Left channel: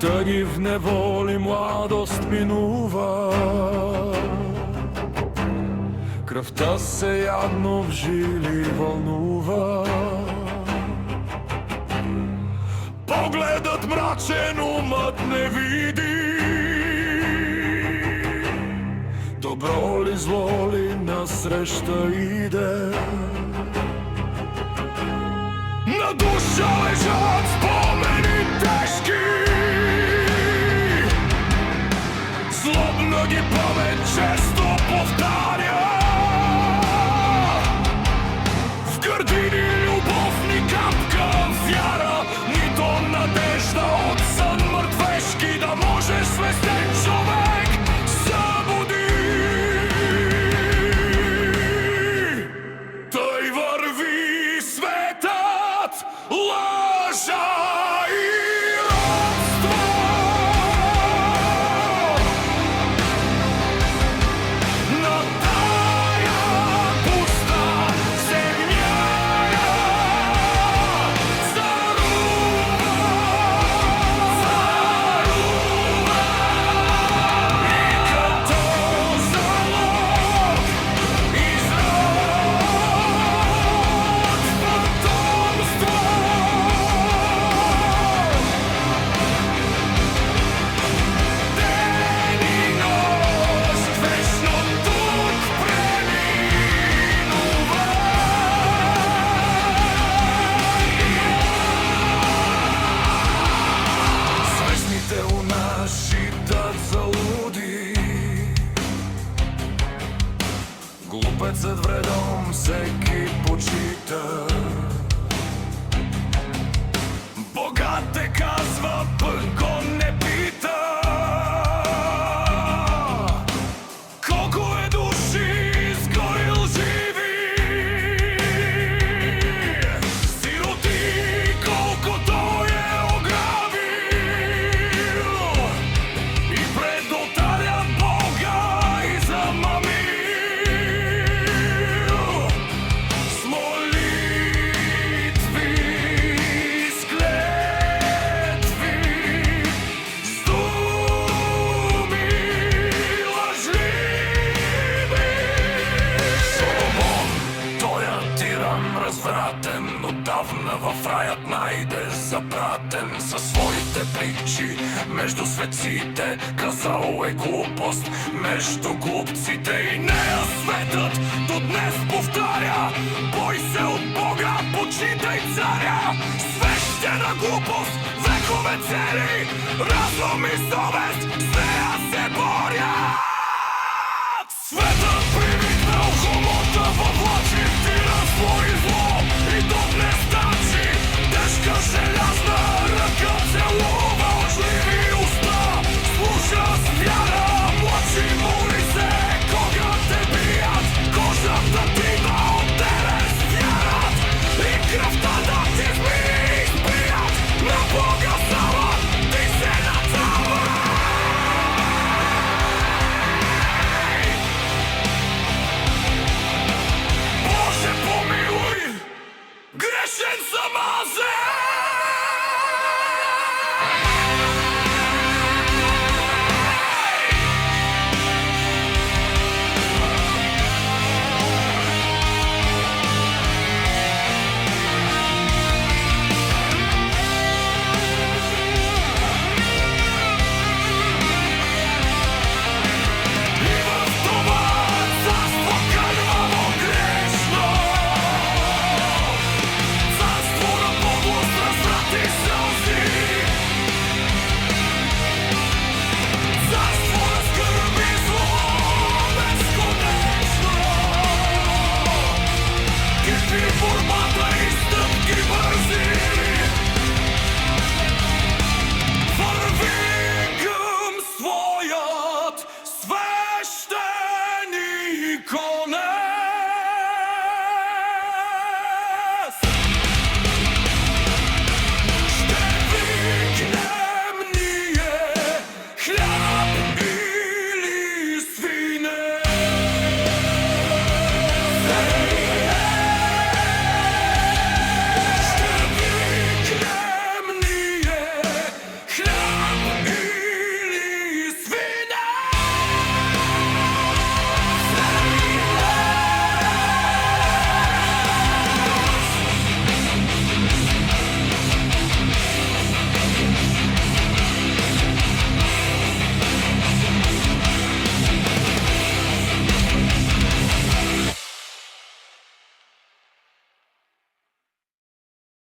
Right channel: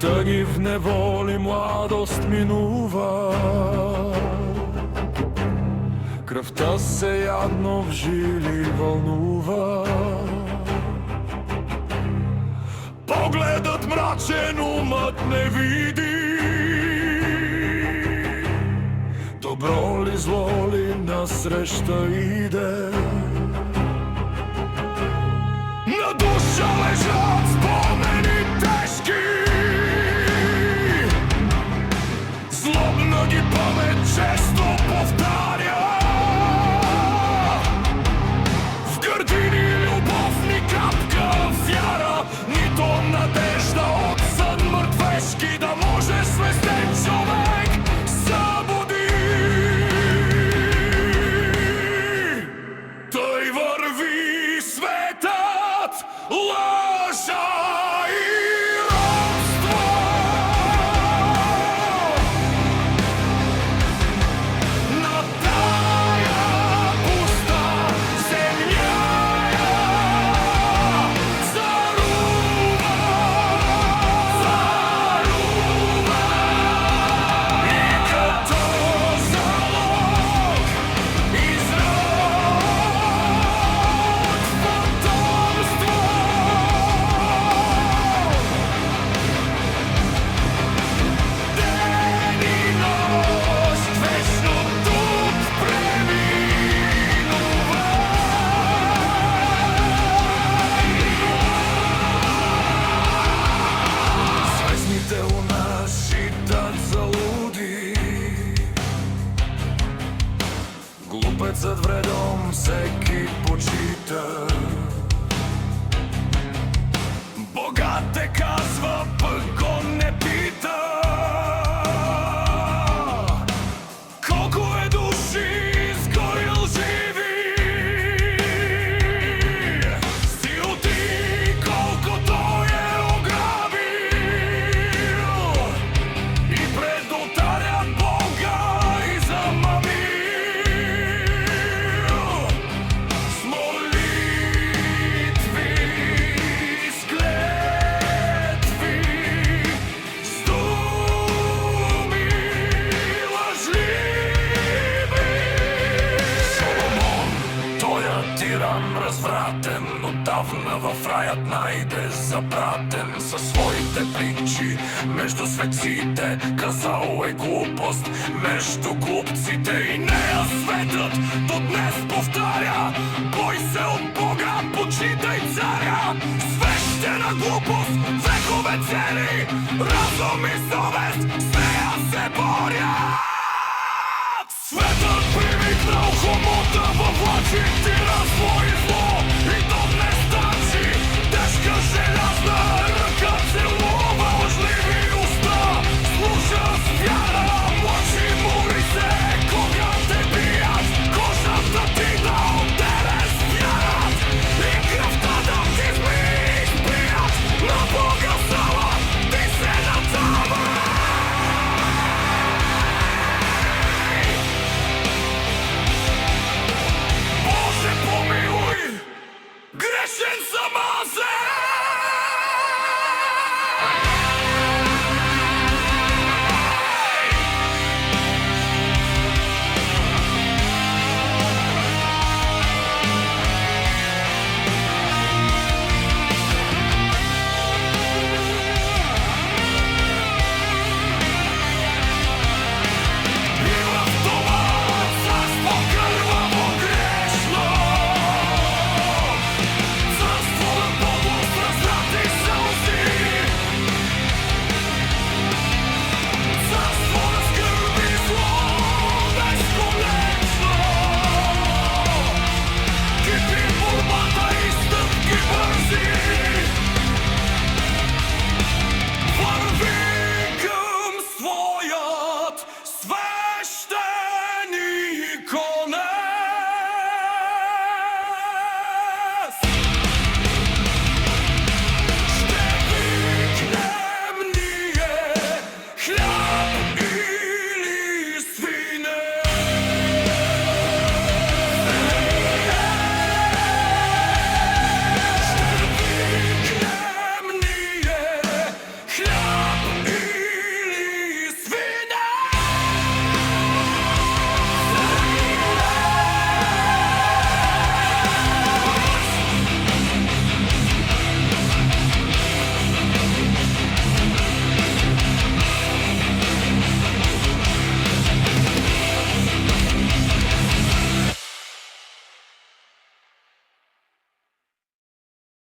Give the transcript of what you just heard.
Тъги в неволи младост минува, кръвта се ядно в жили вълнува. Погледът мрачен, умът не види, добро ли зло ли насреща иде. На душа лежат спомени тежки, злобна ги памет често повтаря. В гърдини любов ни капка вяра, нито надежда от сън мъртвешки, да може свестен човек събуди. Той върви светът, лъжа и робство. На тая пуста земя царува, царува. И като залог изрод потомство. Ден и нощ вечно тук преминува. Звездните луна считат за луди, глупецът вредом всеки почита. Богът те казва, пък го не пита. Колко е души изгорил живи, сироти колко той е ограбил. И пред олтаря Бога измамил. С молитви, с клетви, с думи лъжливи. Соломон, тоя тиран развратен, отдавна в раят найде запратен. Със своите притчи между светците казал е глупост между глупците. И нея светът до днес повтаря: бой се от Бога, почитай царя. Свещена глупост, векове цели, разум и съвест с нея се борят. Светът привикнал хомота във влачи, тиранство и зло, и до днес тачи. Тежка желязна ръка целува лъжливи уста, слуша с вяра, млачи, моли се, кога те бият, кожата ти да отделе с вярат и кръвта да ти изпият. На Бога сама ти се надавай. Боже помилуй, грешен съм